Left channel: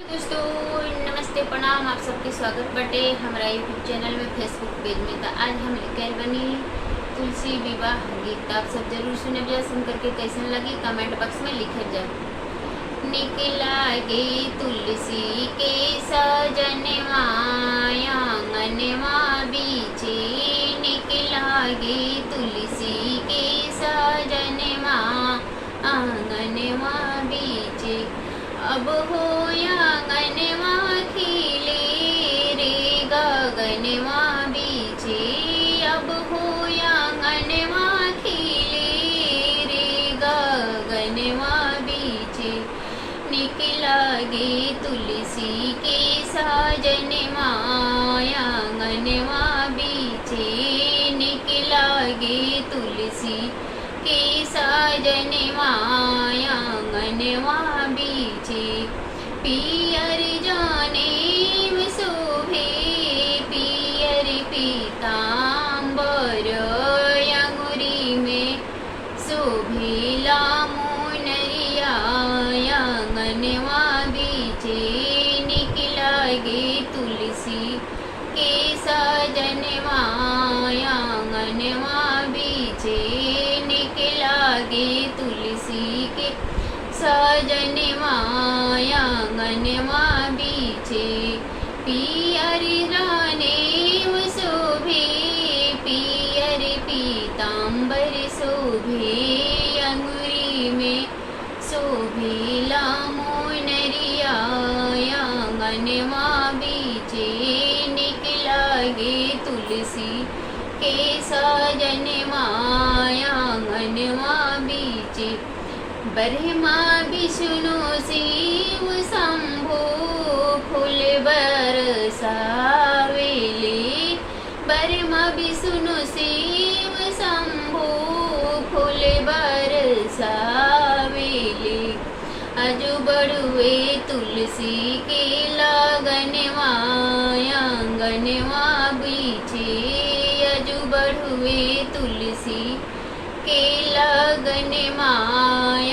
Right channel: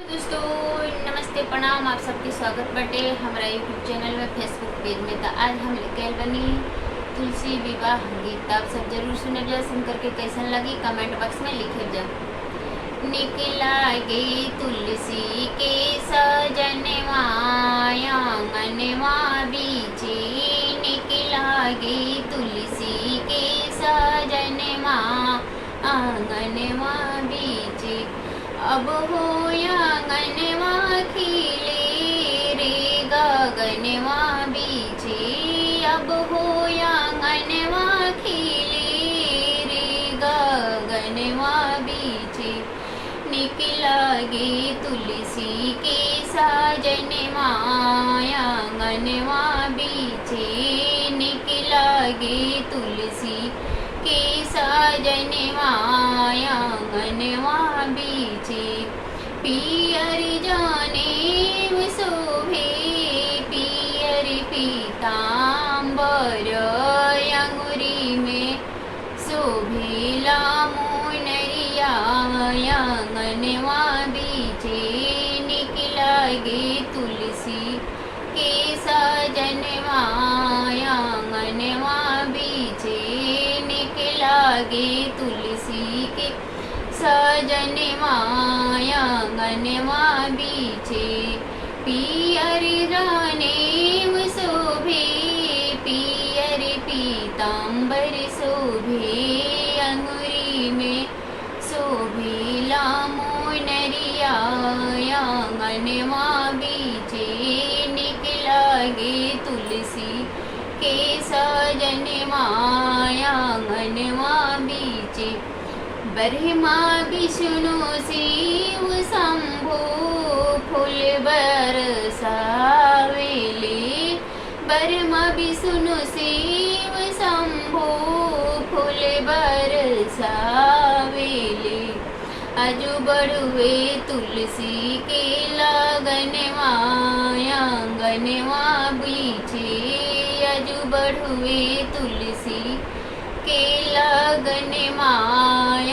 दोस्तों नमस्ते प्रणाम। आप सबके स्वागत बटे हमारा यूट्यूब चैनल में, फेसबुक पेज में। तो आज हम लेकर बनी तुलसी विवाह गीत। आप सब जरूर सुने जा, सुन करके कैसन लगी कमेंट बॉक्स में लिखे जा। निकला गे तुलसी के सजनवा आंगनवा बीचे, निकला गे तुलसी के सजनवा आंगनवा बीचे। अब हो आंगनवा खिले रे गगनवा बीचे, अब हो आंगनवा खिले रे गगनवा बीचे। निकला गे तुलसी के सजनवा आंगनवा बीचे, निकला गे तुलसी के सजनवा आंगनवा बीचे। पियर जाने शोभे पियर पीताम्बर, अंगुरी में शोभेला मुनरिया आंगनवा बीचे। निकला गे तुलसी के सजनवा आंगनवा बीचे, निकला गे तुलसी के सजनवा आंगनवा बीचे। पियर राने शोभे पियर पीताम्बर शोभे, अंगुरी में शोभेला मुनरिया आंगनवा बीचे। निकला गे तुलसी के सजनवा आंगनवा बीचे। ब्रह्मा विष्णु शिव शंभु फूल बरसावेले, ब्रह्मा विष्णु शिव शंभु फूल बरसावेले। अजु बड़ुए तुलसी के लगनवा आंगनवा बीचे, अजु बड़ुए तुलसी के लगनवा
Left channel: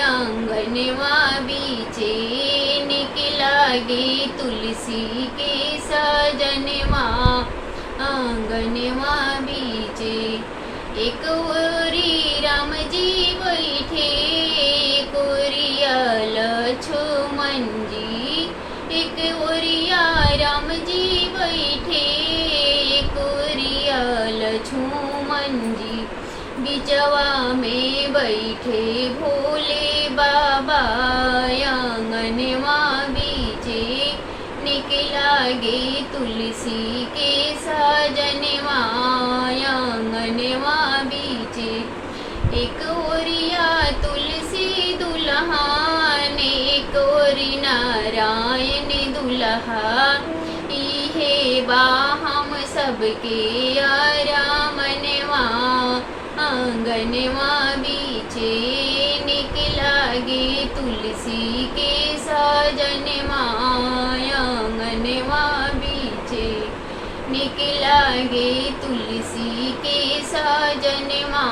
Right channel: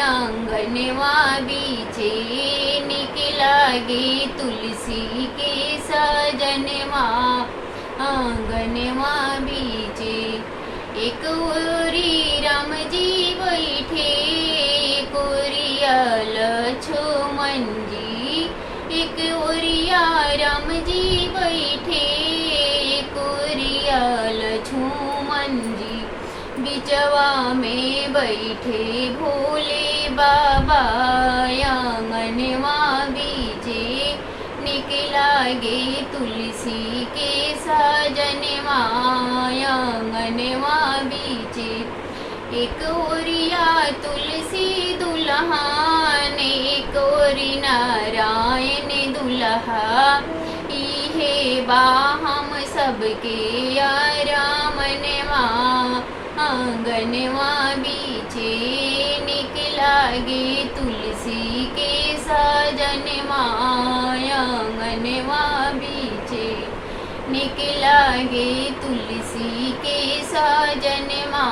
आंगनवा बीचे। निकला गे तुलसी के सजनवा आंगनवा बीचे। एक ओरी राम जी बैठे, एक ओरिया लक्ष्मण जी, एक ओरिया राम जी बैठे, एक ओरिया लक्ष्मण जी। बिचवा में बैठे भोले बाबा आंगनवा बीचे। निकला गे तुलसी के सजनवा आंगनवा बीचे। एक ओरिया तुलसी दुल्हन, एक ओरी नारायण दुल्हा, इहे बा हम सबके आरामनवा आंगनवा बीचे। निकला गे तुलसी के सजनवा आंगनवा बीचे। निकला गे तुलसी के सजनवा